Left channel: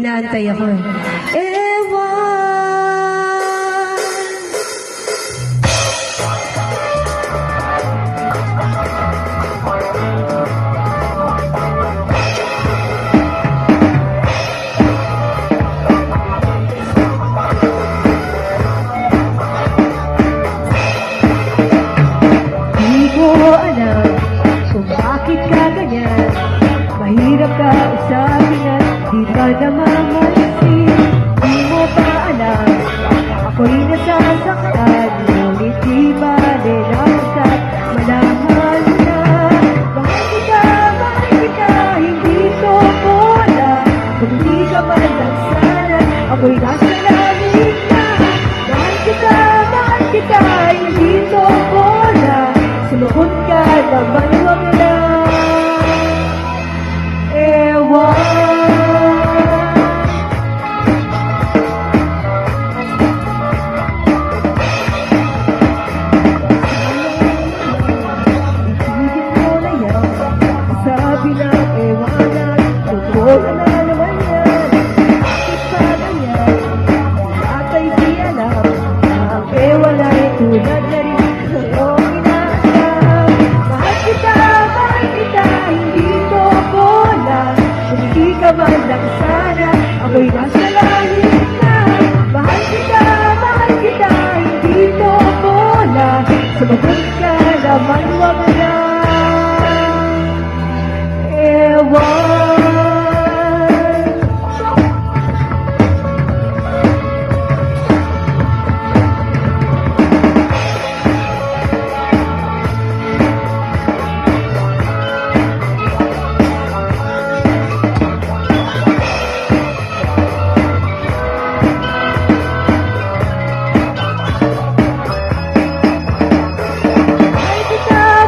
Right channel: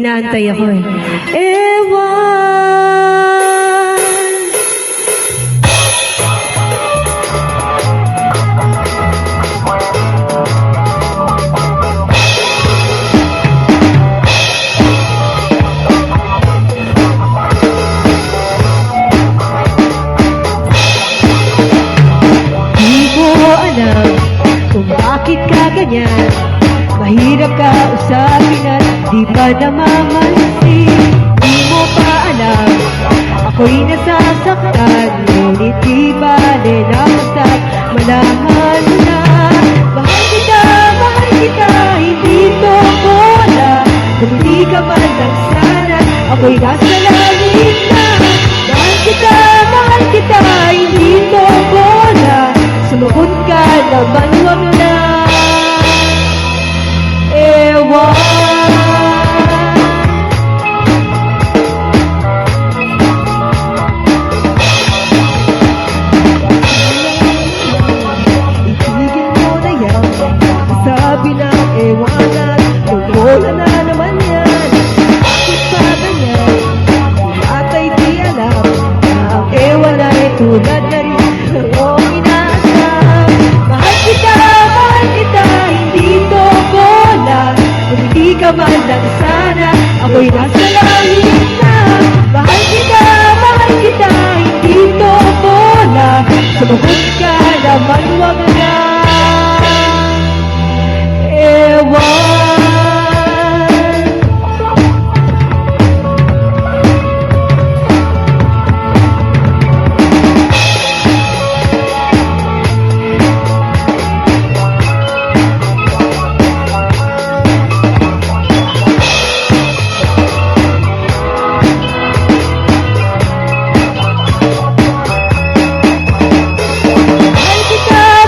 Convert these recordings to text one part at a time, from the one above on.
Inaantay ako eh. Ewan. Di ko alam kung bakit ka ganyan. Mahirap ka usapin at di pa namamansin. Di mo pa alam, ako'y nasasaktan. Ngunit di bale na basta malaman mo na. Mahal kita, hindi ko wala. Kung hindi ka man lang sana, ako'y nasa langit na. Mahal kita, hindi ko wala. Sumukot ka naman, wag na. Ewan. Itigil mo na yan. Sabi ng ewanan, wala na naman yan. Bakit pa ganyan? Ata'y di alam na ang ewan ay tulad na rin ng iyong inaasam. Mahal kita, hindi ko wala. Kung hindi ka man lang sana, ako'y nasa langit na. Mahal kita, hindi ko wala. Sumagot ka naman, wag na. Ewan.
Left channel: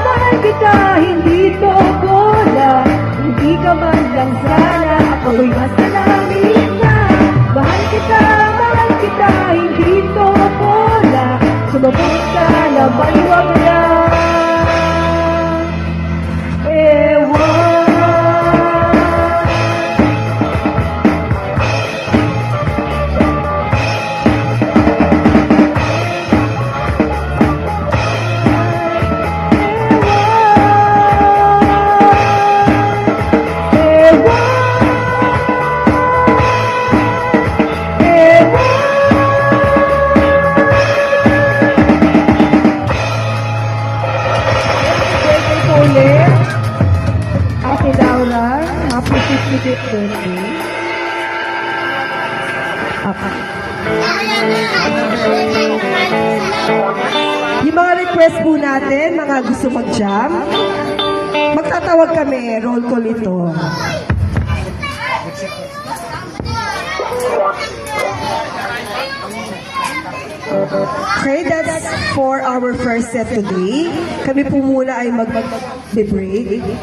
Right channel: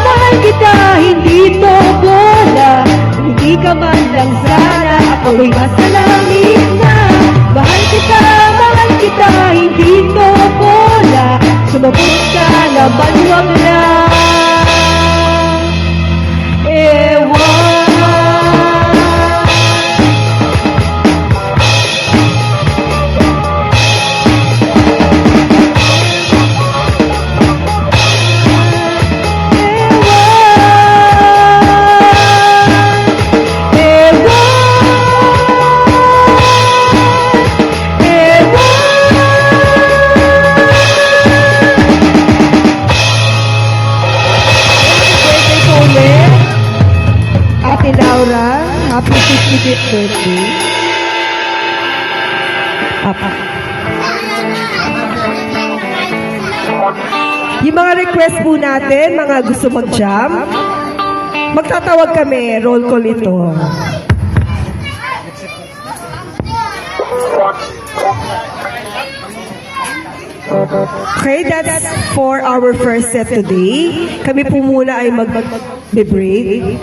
Mahal kita, hindi to bola. Hindi ka man lang sana, ako'y nasa langit na. Mahal kita, hindi to bola. Sumagot ka naman, wag na. Ewan. Ate Laura, happy 55th birthday. Yung mga request po natin, mga gusto mag-jam, magtatawag kami, roll call ito. Okay, that's for our first set today. Kami po muna ay mag-break.